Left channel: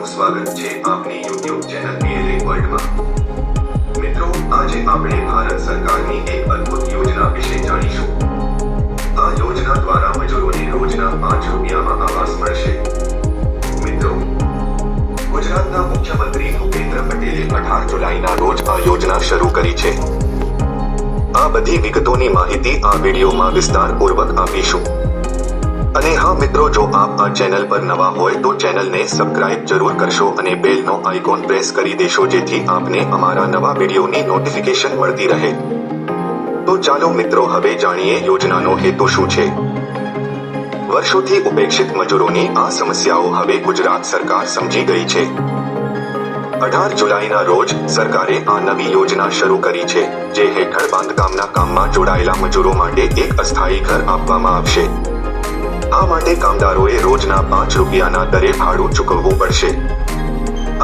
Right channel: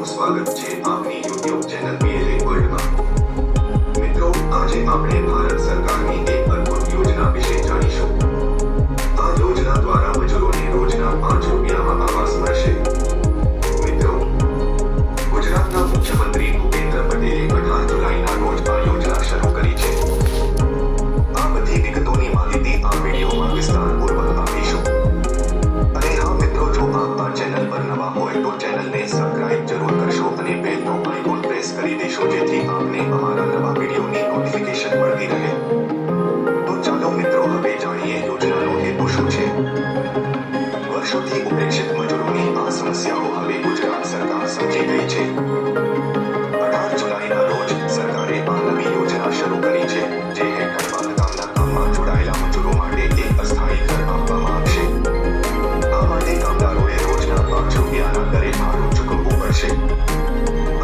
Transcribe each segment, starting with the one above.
તમારું સ્વાગત છે આપની YouTube ચેનલ PLA વર્લ્ડમાં। મિત્રો, આજે આપણે ભારત સરકારની એક અદ્ભુત યોજના વિશે જાણીશું। આ યોજના દ્વારા મજૂરોને રોજના 5 રૂપિયામાં આવાસ મળશે। મિત્રો, ગુજરાતના મુખ્યમંત્રી ભૂપેન્દ્ર પટેલે 18 જુલાઈના રોજ આ યોજના શરૂ કરી છે। આ બધી વિગતોની માહિતી આ વિડીયોમાં વિસ્તારપૂર્વક આપીશું। અને હા મિત્રો, જો આપ આ ચેનલ પર નવા હોય તો ચેનલને સબસ્ક્રાઇબ જરૂર કરશો અને બેલનો આઇકોન પ્રેસ કરી દેશો જેથી આપને અમારા નવા વિડીયોની નોટિફિકેશન મળતી રહે। તો ચાલો મિત્રો, હવે જાણીએ યોજનાનો હેતુ શું છે। વર્ષોથી ઉપેક્ષિત મજૂરોની આ સમસ્યાઓ હવે ગુજરાત સરકાર સમજી ગઈ છે। 18 જુલાઈના રોજ સરકારે આ નવી યોજના શરૂ કરી છે, જે હેઠળ બાંધકામના કામમાં જોડાયેલા મજૂરો માટે એક અસ્થાયી ઘર આપવામાં આવશે। આ માટે કામદારોએ રોજના 5 રૂપિયાના દરે ભાડું ચૂકવવું પડશે।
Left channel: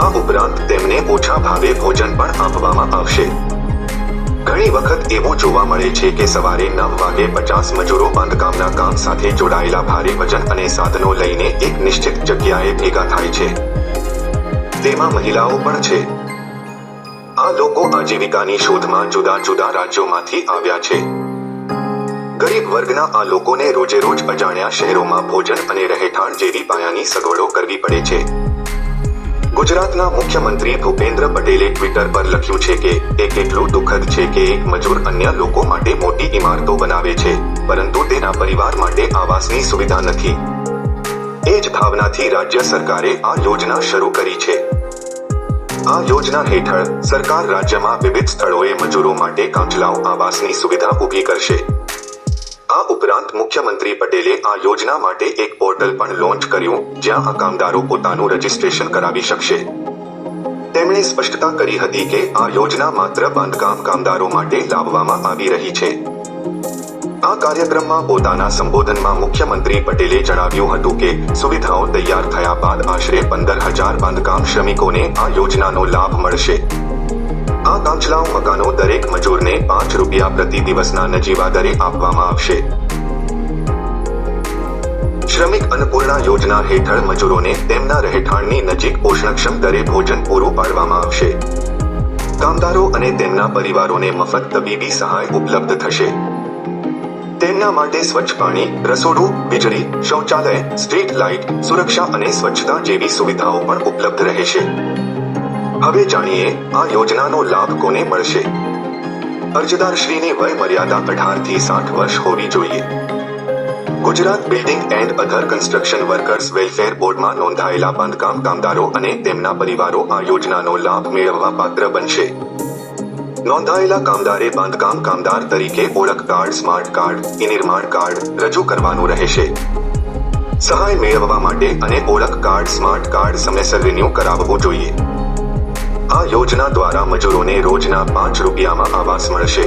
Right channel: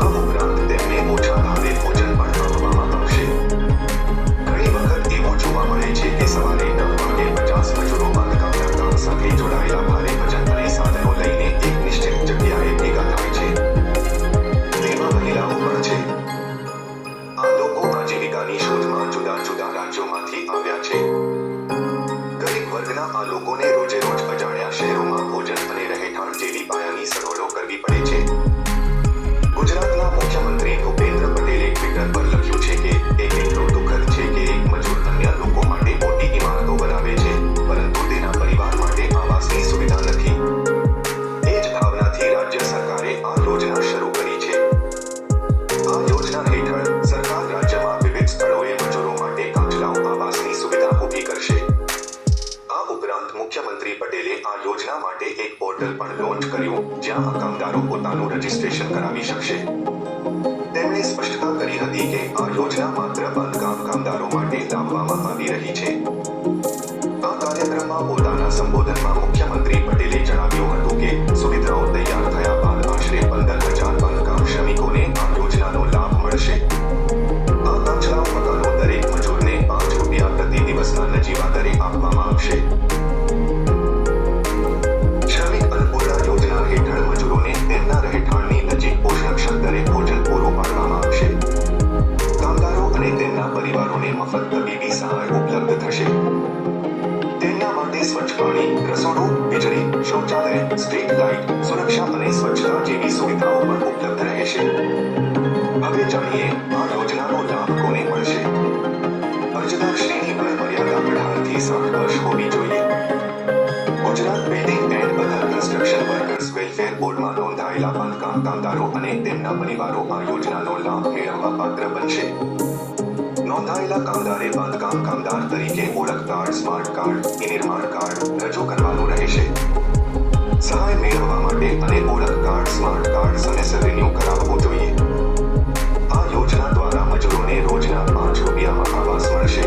આ ઉપરાંત તેમને ઓછા ભાવે ભોજન પણ આપવામાં આવશે। ઘણી વખત એવું જોવા મળે છે કે સવારે 9 વાગે 50 મજૂરો બાંધકામના કામ સાથે જોડાયેલા ભારે વજન અને સાધનો લઈને એક નિશ્ચિત જગ્યાએ ભેગા થાય છે। તેમાં મહિલાઓ પણ છે। આ લોકો આજીવિકાની શોધમાં જુદા જુદા રાજ્યોમાંથી આવ્યા છે। ગરીબ વર્ગના આ લોકોને રોજે રોજ અજાણ્યા શહેરોમાં ભોજન અને રહેઠાણ જેવી પાયાની સગવડો કરવી પડે છે। ગુજરાતના મુખ્યમંત્રી ભૂપેન્દ્ર પટેલે ટ્વિટર પર લખ્યું છે કે તે કેટલું દુઃખદ છે કે એક મજૂર અન્ય લોકો માટે મોટી ઇમારતો બનાવે છે, પરંતુ તેના પરિવાર માટે આવાસની સુવિધા નથી। એ જ ભાવનાથી રાજ્ય સરકારે આ યોજના શરૂ કરી છે। આ યોજના હેઠળ સરકાર રાજ્યમાં વિવિધ સ્થળોએ મજૂરો માટે કાચલાઓ આવાસની સુવિધા ઊભી કરશે। આ ઉપરાંત મુખ્યમંત્રી પટેલે આ યોજના માટે એક પોર્ટલ પણ લોન્ચ કર્યું, જ્યાં આ કામદારો પોતાનું રજિસ્ટ્રેશન કરાવી શકશે। તેમણે સ્પષ્ટતા કરી હતી કે આ યોજના માત્ર બાંધકામ કામદારો માટે લાવવામાં આવી રહી છે। આ કાર્યક્રમમાં પોતાના સંબોધનમાં મુખ્યમંત્રી પટેલે જણાવ્યું હતું કે સુવિધાઓ તૈયાર થયા બાદ આશરે 15,000 બાંધકામ શ્રમિકોને આ યોજનાનો લાભ મળશે। આ કાચલાઓ મકાનો દરેક મજૂરને 5 રૂપિયા પ્રતિ દિવસના નજીવા દરે આપવામાં આવશે। શ્રમિક અન્નપૂર્ણા યોજના હેઠળ મજૂરોને તેમના રહેઠાણની નજીક પોષણક્ષમ દરે ભોજન પૂરું પાડવામાં આવશે। કામદારો અને તેમના પરિવારોને મફત તબીબી સહાય ઉપલબ્ધ થશે। તેમના માટે સ્વચ્છ પાણી, રસોડું, વીજળી, શૌચાલય, સ્ટ્રીટ લાઇટ, સુરક્ષા અને સ્વચ્છતા જેવી સુવિધાઓ પણ ઉપલબ્ધ રહેશે। હવે જાણીએ આ યોજનાનો લાભ કોને મળશે। અરજદારશ્રીની વય મર્યાદા 18 થી 60 વર્ષ હોવી જોઈએ। Gujarat building and other construction workers welfare બોર્ડમાં નોંધાયેલા બાંધકામ કામદારો અને તેમના પરિવારો આ યોજનાનો લાભ મેળવવા પાત્ર બનશે। નોંધાયેલા કામદારે બાંધકામ કામદાર તરીકે ઓળખ કાર્ડ, સ્માર્ટ કાર્ડ, નિર્માણ કાર્ડ રજૂ કરવાનું રહેશે। સહાય મેળવવા માટે અને ઓળખ કાર્ડ, સ્માર્ટ કાર્ડ સમયસર રિન્યૂ કરાવવું જોઈએ। આ યોજના દ્વારા મજૂરોને રોજના 5 રૂપિયામાં આવાસ મળશે।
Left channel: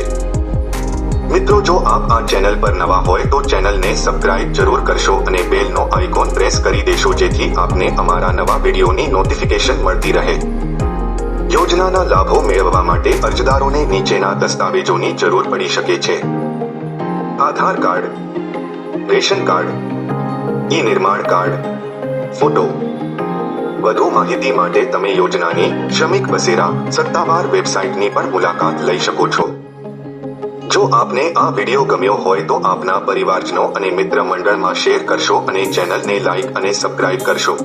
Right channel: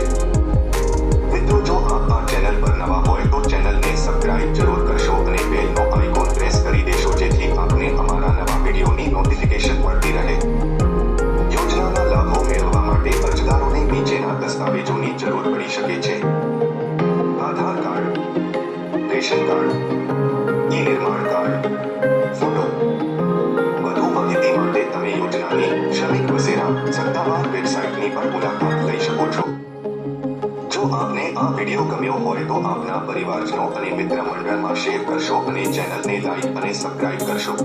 મિત્રો, જો આપ આ ચેનલ પર નવા હોય તો ચેનલને સબસ્ક્રાઇબ જરૂર કરશો અને બેલનો આઇકોન પ્રેસ કરી દેશો જેથી આપને અમારા નવા વિડીયોની નોટિફિકેશન મળતી રહે। યોજનાના લાભો મેળવવા માટે અરજદારોને નીચેના દસ્તાવેજોની જરૂર પડી શકે છે: આધાર કાર્ડ, રેશન કાર્ડ, નિર્માણ કાર્ડ, ફોટો। વધુ માહિતી માટે તમે યોજનાની શ્રમિક બસેરા સત્તાવાર વેબસાઇટની પણ મુલાકાત લઈ શકો છો। જો આપને આ વિડીયો ગમ્યો હોય તો આપના પરિવારજનો અને મિત્ર મંડળમાં શેર કરશો અને ચેનલને લાઇક અને સબસ્ક્રાઇબ કરશો।